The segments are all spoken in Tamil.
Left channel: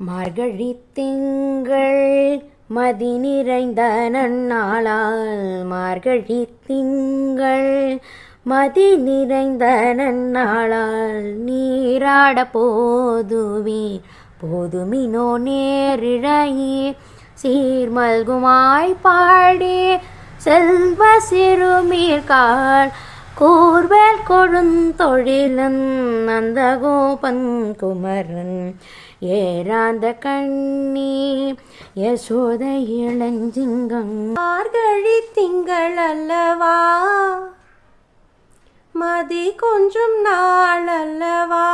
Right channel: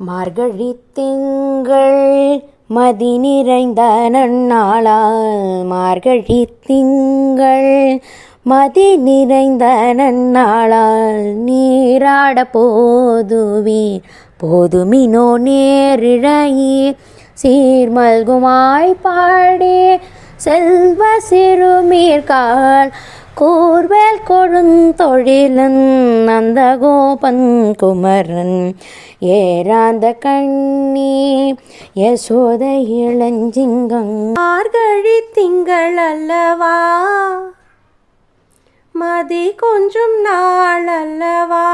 மார்கழி திங்கள் மதி நிறைந்த நன்னாளால் மார்கழி திங்கள் மதி நிறைந்த நன்னாளால் நீராட போதுமினோ நேரிழையீர் சீர்மல்குமாய் பாடி செல்வ சிறுமீர்காள் கூர்வேல் கொழுந்தொழிலன் நந்தகோபன் குமரன் ஏராந்த கண்ணி யசோதை இளஞ்சிங்கம். மார்கழி திங்கள் அல்லவா, மதி கொஞ்சம் நாள் அல்லவா,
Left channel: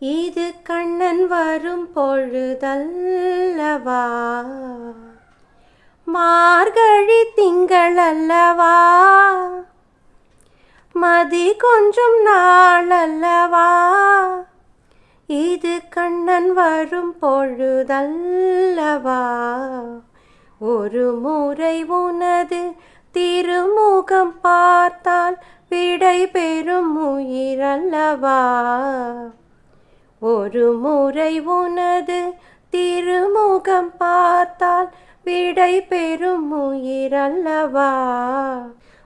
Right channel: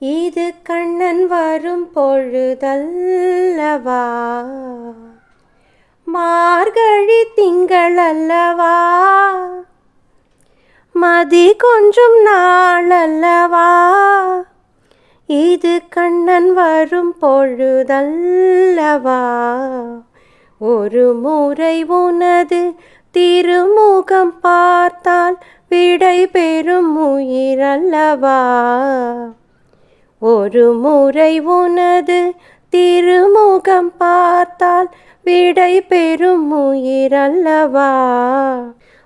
இது கண்ணன் வரும் பொழுதல்லவா. மார்கழி திங்கள் அல்லவா, மதி கொஞ்சம் நாள் அல்லவா, இது கண்ணன் வரும் பொழுதல்லவா. ஒரு முறை உனது திருமுகம் பார்த்தால் விடை பெறும் உயிரல்லவா. ஒரு முறை உனது திருமுகம் பார்த்தால் விடை பெறும் உயிரல்லவா.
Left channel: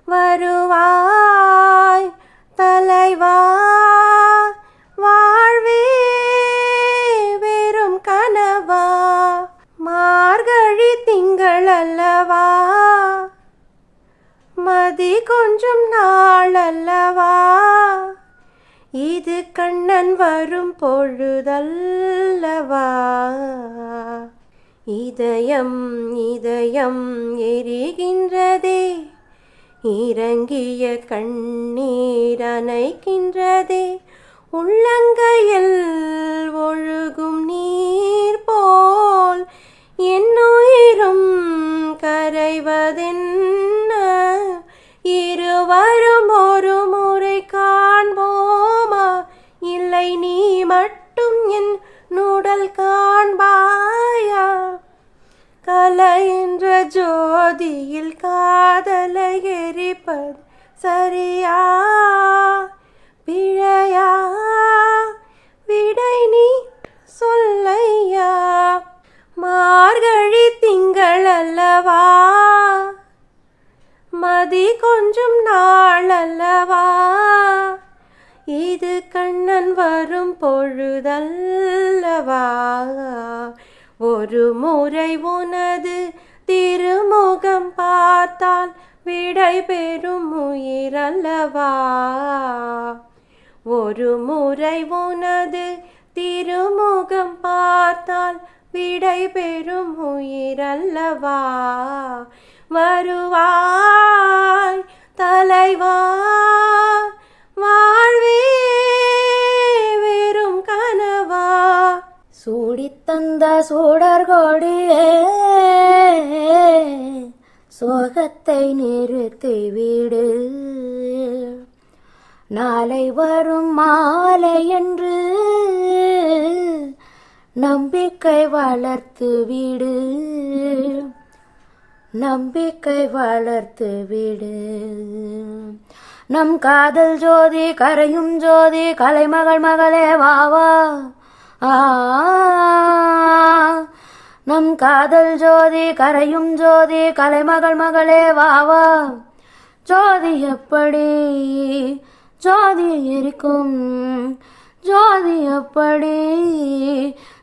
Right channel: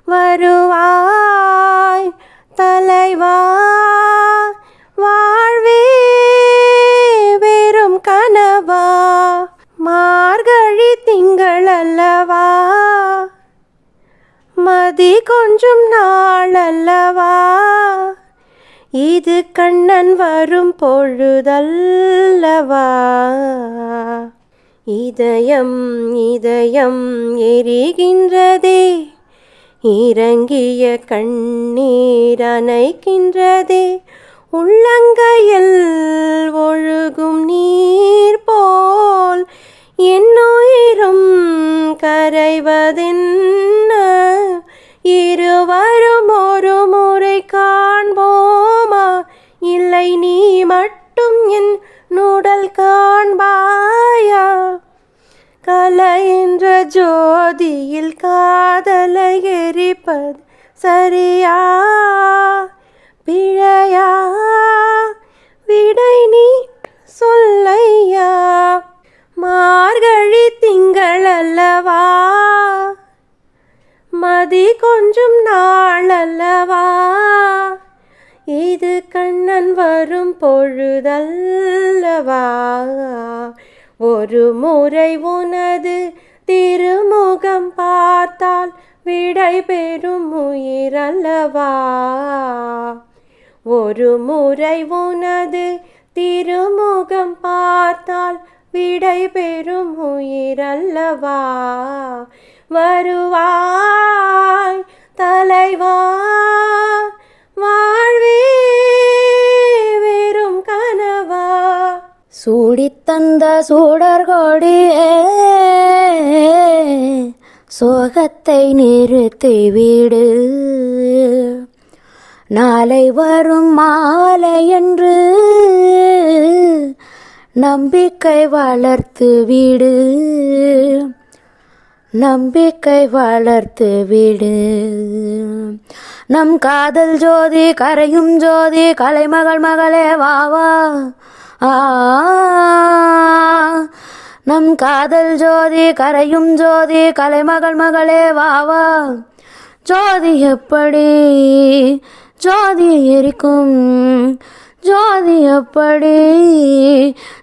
வருவாய் தலைவா, வாழ்வே வெறும் கனவா. மார்கழி திங்கள் அல்லவா, மதி கொஞ்சம் நாள் அல்லவா, இது கண்ணன் வரும் பொழுதல்லவா. இதயம் இதயம் எரிகின்றதே, இறங்கிய கண்ணீர் அணைக்கின்றதே, உள்ளங்கையில் ஒழுகும் நீர் போல் என்னுயிரும் கரைவதென்ன. இருவரும் ஒரு முறை காண்போமா, இல்லை நீ மட்டும் என் நுடல் காண்பாயா. கலை என்ற ஜோதியில் காதலை எரிப்பது சரியா பிழையா, விடை நீ சொல்லையா. மார்கழி திங்கள் அல்லவா, மதி கொஞ்சம் நாள் அல்லவா, இது கண்ணன் வரும் பொழுதல்லவா. ஒரு முறை உனது திருமுகம் பார்த்தால் விடை பெறும் உயிரல்லவா. ஒரு முறை உனது திருமுகம் பார்த்தால் விடை பெறும் உயிரல்லவா. வருவாய் தலைவா, வாழ்வே வெறும் கனவா. சூடித்தந்த சூடர் கொடியே, சோகத்தை நிறுத்திவிடு. நாளை வரும் மாலை என்று நம்பிக்கை வளர்த்து விடு, நம்பிக்கை வளர்த்து விடு. நம் காதல் ஜோதி கரையும் ஜோதி, கலைமகள் மகளே வாவா. நம் காதல் ஜோதி கரையும் ஜோதி, கலைமகள் மகளே வாவா. ஜோதி எப்படி ஜோதி எரிக்கும், ஜோதி எப்படி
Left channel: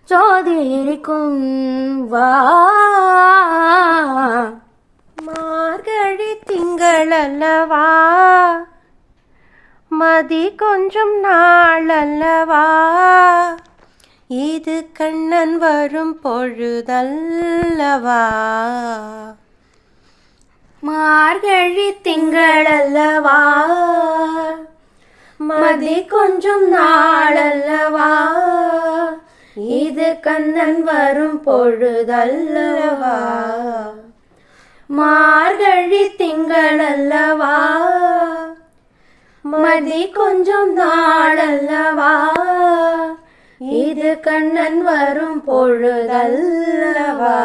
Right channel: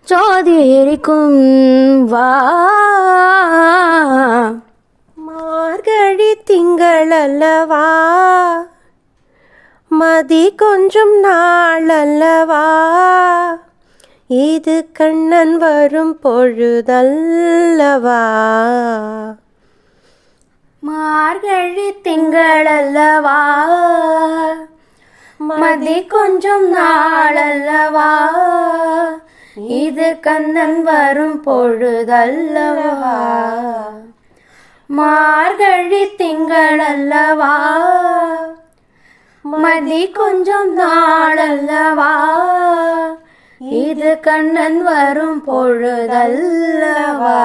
ஜோதி எரிக்கும் வா. மார்கழி திங்கள் அல்லவா, மதி கொஞ்சம் நாள் அல்லவா, இது கண்ணன் வரும் பொழுதல்லவா. மார்கழி திங்கள் அல்லவா, மதி கொஞ்சம் நாள் அல்லவா, இது கண்ணன் வரும் பொழுதல்லவா. மார்கழி திங்கள் அல்லவா, மதி கொஞ்சம் நாள் அல்லவா, இது கண்ணன் வரும் பொழுதல்லவா.